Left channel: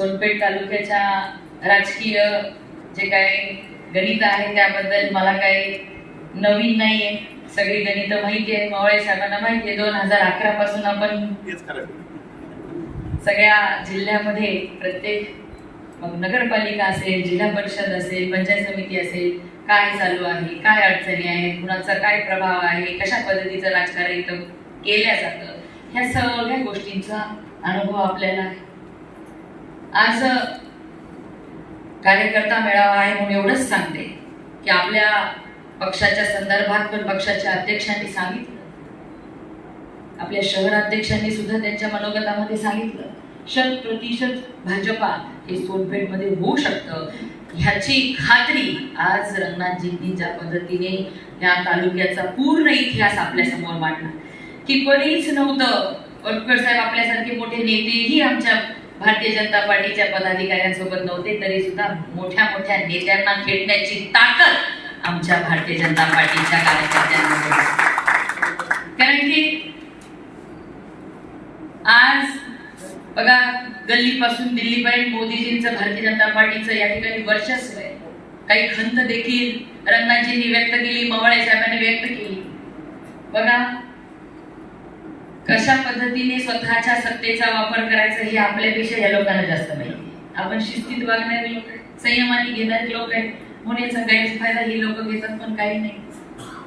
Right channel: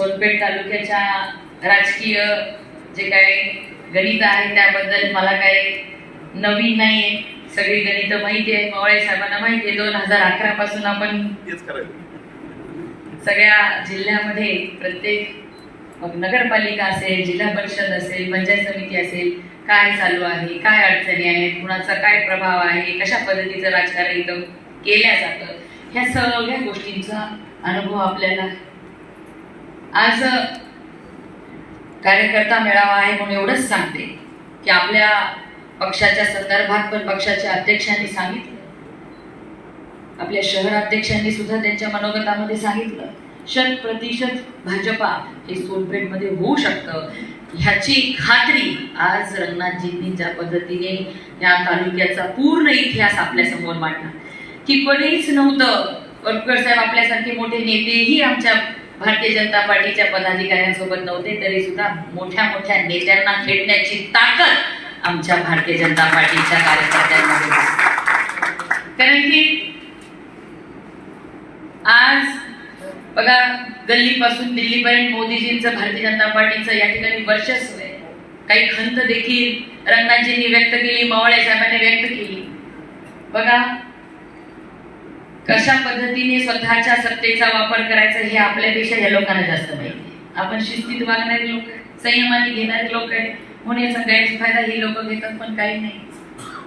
सोनपेठ तालुक्याच्या राजकीय जे काही गणित आहे त्याबद्दल मला काही नवीन नाहीये सगळी गणित माहिती आहे मवाळे साहेबांना माहिती आहे दोन हजार अकरा पासून आपण सगळ्या जिल्ह्यामध्ये प्रत्येक मग नगरपालिका असेल जिल्हा परिषद असेल पंचायत समिती असेल काय चालू आहे काय अडचणी आहेत कुणाचा काय प्रभाव आहे कशा पद्धतीचं राजकारण इथं केल्या जातं ह्या सगळ्या गोष्टींचा अनुभव आपल्याला आहे. आज कार्यकर्ता मेळावा आहे म्हणून एवढंच सांगते की आपल्या पक्षाच्या संदर्भात पण पक्षाच्या अध्यक्षांनी सांगितलं. आपल्या शहर अध्यक्षांनी सुद्धा त्यांच्या मनोगतामध्ये सांगितलं. शत प्रतिशत भाजपा हे सोनपेठमध्ये होऊ शकतं. ह्याची खात्री आज रंगनाथजींनी ज्या पद्धतीने या तालुक्याचा पूर्ण इतिहास आपल्यासमोर मांडला. की कोणीच नव्हतं. वटकर साहेब आपल्यासारखे मोठे नेतेही आमच्या भारतीय जनता पार्टीच्या पदाधिकाऱ्यांसोबत नव्हते तरी सुद्धा मोठ्या मोठ्या नेत्यांना खेळण्याची ताकद आमच्या भारतीय जनता पार्टीच्या कार्यकर्त्यांमध्ये कारण की आज बघा गल्लीपासून दिल्लीपर्यंत मोदीजींचं भारतीय जनता पार्टीचं या ठिकाणी वर्चस्व आहे. काही खंत देखील रंगनाथजींनी व्यक्त केली मवाळे साहेबांनी व्यक्त केली. बघा कशा पद्धतीने स्वतःच्या सत्तेचा वापर करायचा हे आपल्यापेक्षा या लोकांना जास्त माहिती आपण शिस्तीत वागणारे लोक संयमाने घेणारे लोक आहेत म्हणून याचा गैरफायदा ही लोक घेतात पण काही नाही.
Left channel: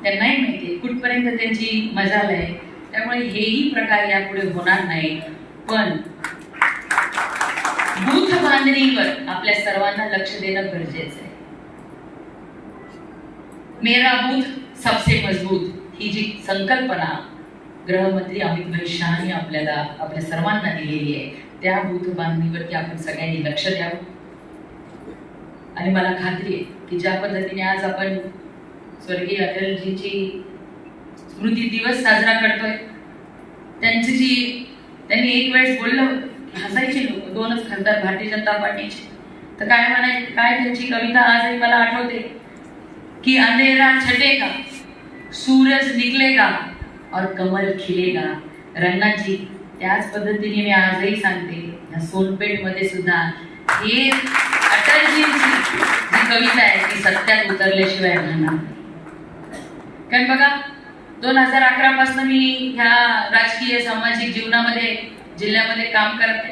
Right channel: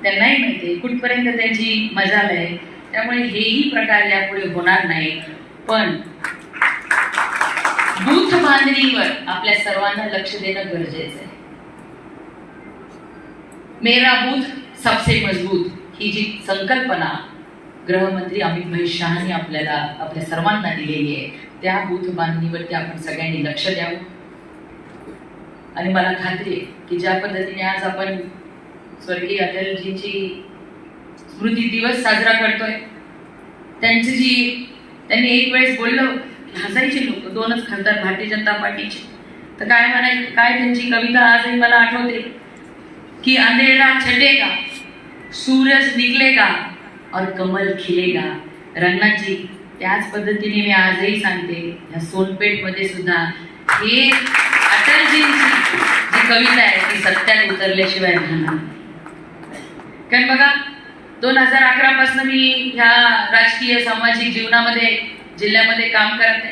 त्यांनाही माहिती कुठपर्यंत त्यांची मजाल आहे त्यामुळे हेही प्रकार यापुढे होणार नाही. पण बूथ बांधणीवर आपल्या सर्वांना लक्ष देणं गरजेचं आहे. मेरा बूथ सबसे मजबूत ही जी संकल्पना गृहमंत्री अमित महेश शहानी आपल्याला आपल्या सर्वांना दिलेली आहे. त्या बूथ बांधणीवरती आपण सगळ्यांनी लक्ष द्यावं. आणि मला खात्री आहे की ज्या पद्धतीने आज आपण स्वर्गीय अटलजीची स्मृती दिवस साजरा करतोय त्यांची जी त्यांनी एक वेळेस बोललं हसायचे लोक दोनच खासदार भारतीय जनता पार्टीचे. तर काय म्हणाय काय त्यांची कविता आजही मला आठवते? की अंधेरा छटेगा सूरज निकलेगा और कमल खिलेगा। रंगाची त्याच पद्धतीने मी आजही सांगते या सोनपेठमध्ये सुद्धा हे अटलजींची जी कविता आहे ती सत्यात उतरल्याशिवाय राहणार कारण बघा दोन हजार अकरा पासून मी ह्या राजकीय सामाजिक जीवनामध्ये जिल्ह्यामध्ये काम करते.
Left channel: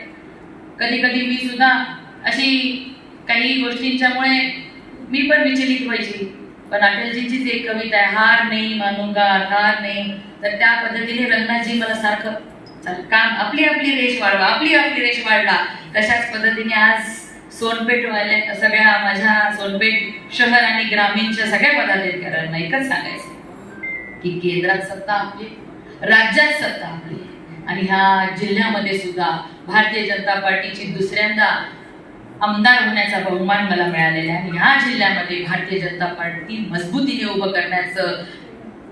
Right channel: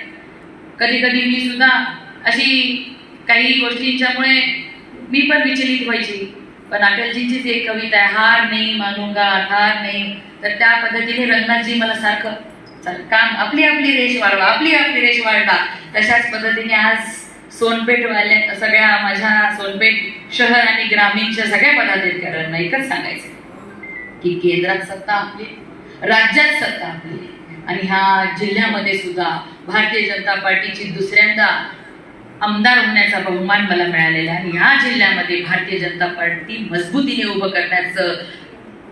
कधी कधी मी सुद्धा अशी काही गोष्टींच्यामुळे मी पण विचलित व्हायची. पण अटलजींचीच एक कविता आहे हार नाही मानूंगा हार नाही तर त्या पद्धतीने रंगनाथजी मला सारखं चल काम आपली आपली रेष वाढवा आपली आपली रेष वाढवा. तशाच पद्धतीने आज सोनपेठ वाल्या सगळ्या माझ्या सोनपेठ शहर आणि ग्रामीणच्या सगळ्या पदाधिकाऱ्यांना एकच सांगायचं की केंद्रात सत्ता आपली राज्यात सत्ता आपली. आणि ह्या जिल्ह्यामध्ये सुद्धा भारतीय जनता पार्टीची दुसऱ्यांदा आमदार होण्याचा बहुमान मला मिळालेला आहे. आणि ह्या जिल्ह्यामध्ये भारतीय जनता पार्टी मजबूतीने उभं करण्याचं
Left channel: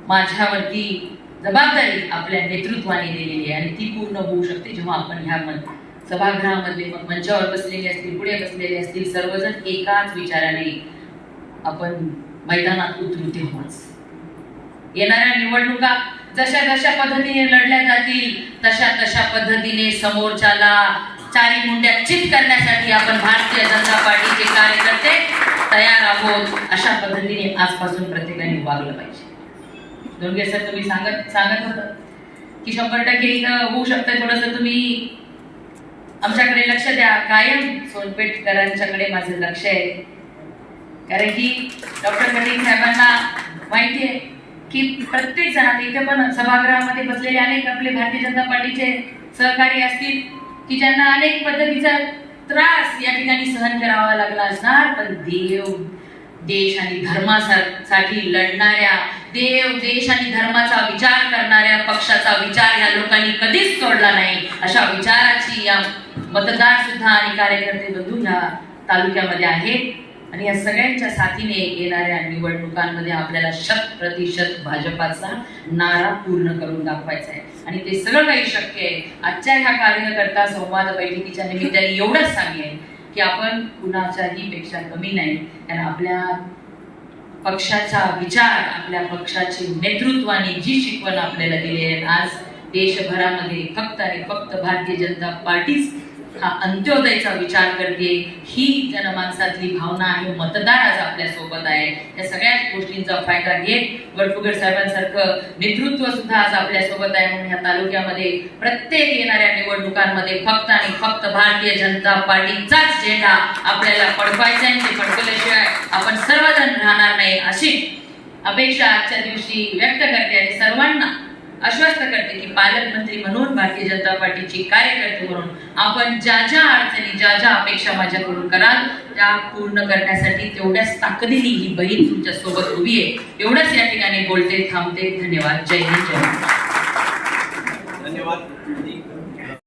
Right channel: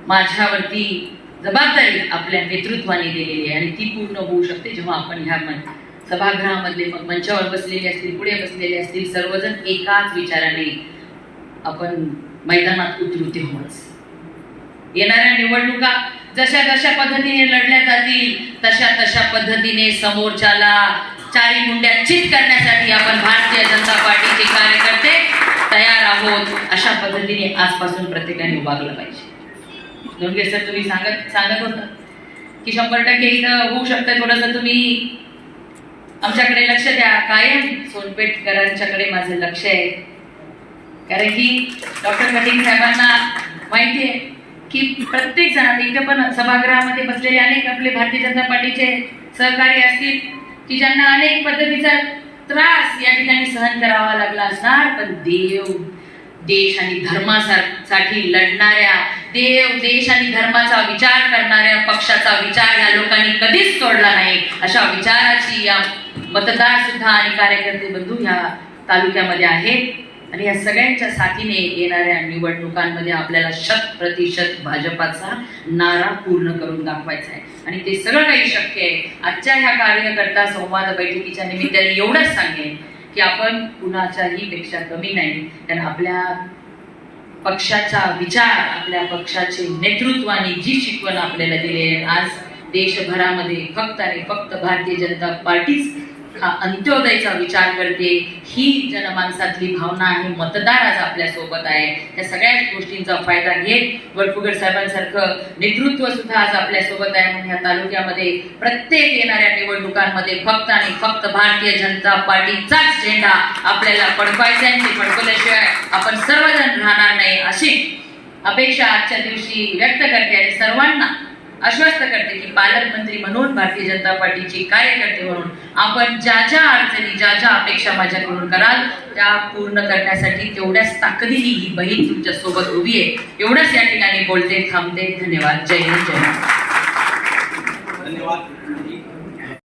माझ्यावरती जबाबदारी आपल्या नेतृत्वाने दिलेली आहे आणि ती पूर्ण होऊ शकते जेव्हा आपण ह्या मन सभागृहामधले मग मंचावर बसलेले असतील पुढे बसलेले असतील सर्वजण एकाच विचाराने आपण मैदानात उतरू तेव्हाच येणाऱ्या निवडणुका जशा जशा पद्धतीने लढल्या जातील तशा तशा पद्धतीने समोरच्याला चारी मुंड्या चित करण्यासाठी आपण भारतीय जनता पार्टीचे कार्यकर्ते तयार आहोत अशा पद्धतीने आजपासून प्रत्येकाने उभारलं पाहिजे. दोन सर तुम्ही सांगत सांगत होता की शंभर टक्के होऊ शकतं थोडंसं. तुम्ही आमच्याकडे लक्ष द्या. कायम सोनपेठकरांच्याकडे माझं लक्ष आहे. कारण की डॉक्टर पटेल साहेबांना माहिती आहे की प्रत्येक जण इथे पण सभागृहामध्ये बसलेले अनेक आपले भारतीय जनता पार्टीचे सहकारी असतील की ज्यांना अनेक पद्धतीचा त्रास या ठिकाणी सहन करावा लागला असणार. पण देव देश आणि धर्मासाठी लढणाऱ्या देव देश आणि धर्माचा विचार करणाऱ्या पक्षाचा विचार या लोकांनी कधीच सोडला नाही. अशा विचाराची या मतदार सुद्धा आणि कार्यकर्ते बंधू या तालुक्यामध्ये आहेत. आणि या सगळ्यांच्या साथीने येणाऱ्या निवडणुकांमध्ये आपल्याला शत प्रतिशत भाजपाचा नारा पूर्ण करून दाखवायचा आहे. आणि ते सगळं काही शक्य आहे. आजच्या ह्या कार्यकर्ता संवाद बैठकीच्या निमित्ताने एवढंच सांगेन की आपण कुणाच्याही पेक्षा कमी नाही. कारण आपल्या पक्षाचा विचार आपल्या पक्षाचे नेतृत्वाने जी शिकवण आपल्याला दिली आहे. आज देशभरामध्ये फक्त आणि फक्त भारतीय जनता पार्टीच हा अंत्योदयचा विचार करते. ही जनमानसातली भावना आहे मतदार आज आपल्यासोबत आहे. या सगळ्या गोष्टींचा फायदा घेत वडफुगड साहेबांसारखं नेतृत्व सुद्धा आज आपल्यासोबत आहे. म्हणून या तालुक्यामध्ये प्रत्येक येणाऱ्या निवडणुकांमध्ये फक्त आणि फक्त भारतीय जनता पार्टीचाच झेंडा आपल्याला फडकवायचा आहे. ते फडकवल्याशिवाय आपण सर्वजण राहणार नाही. अशी अपेक्षा आजच्या दिवशी व्यक्त करते आणि सर्वांना आश्वस्त करते की पालकमंत्री म्हणून भारतीय जनता पार्टीची कार्यकर्ते म्हणून आपण ज्या ज्या अडचणी ज्या ज्या अपेक्षा माझ्याकडून कराल त्या पूर्ण करण्यासाठी तेवढ्याच ताकदीने ही बहीण तुमच्यासोबत उभी आहे. एवढंच या ठिकाणी बोलते थांबते. धन्यवाद. जय हिंद जय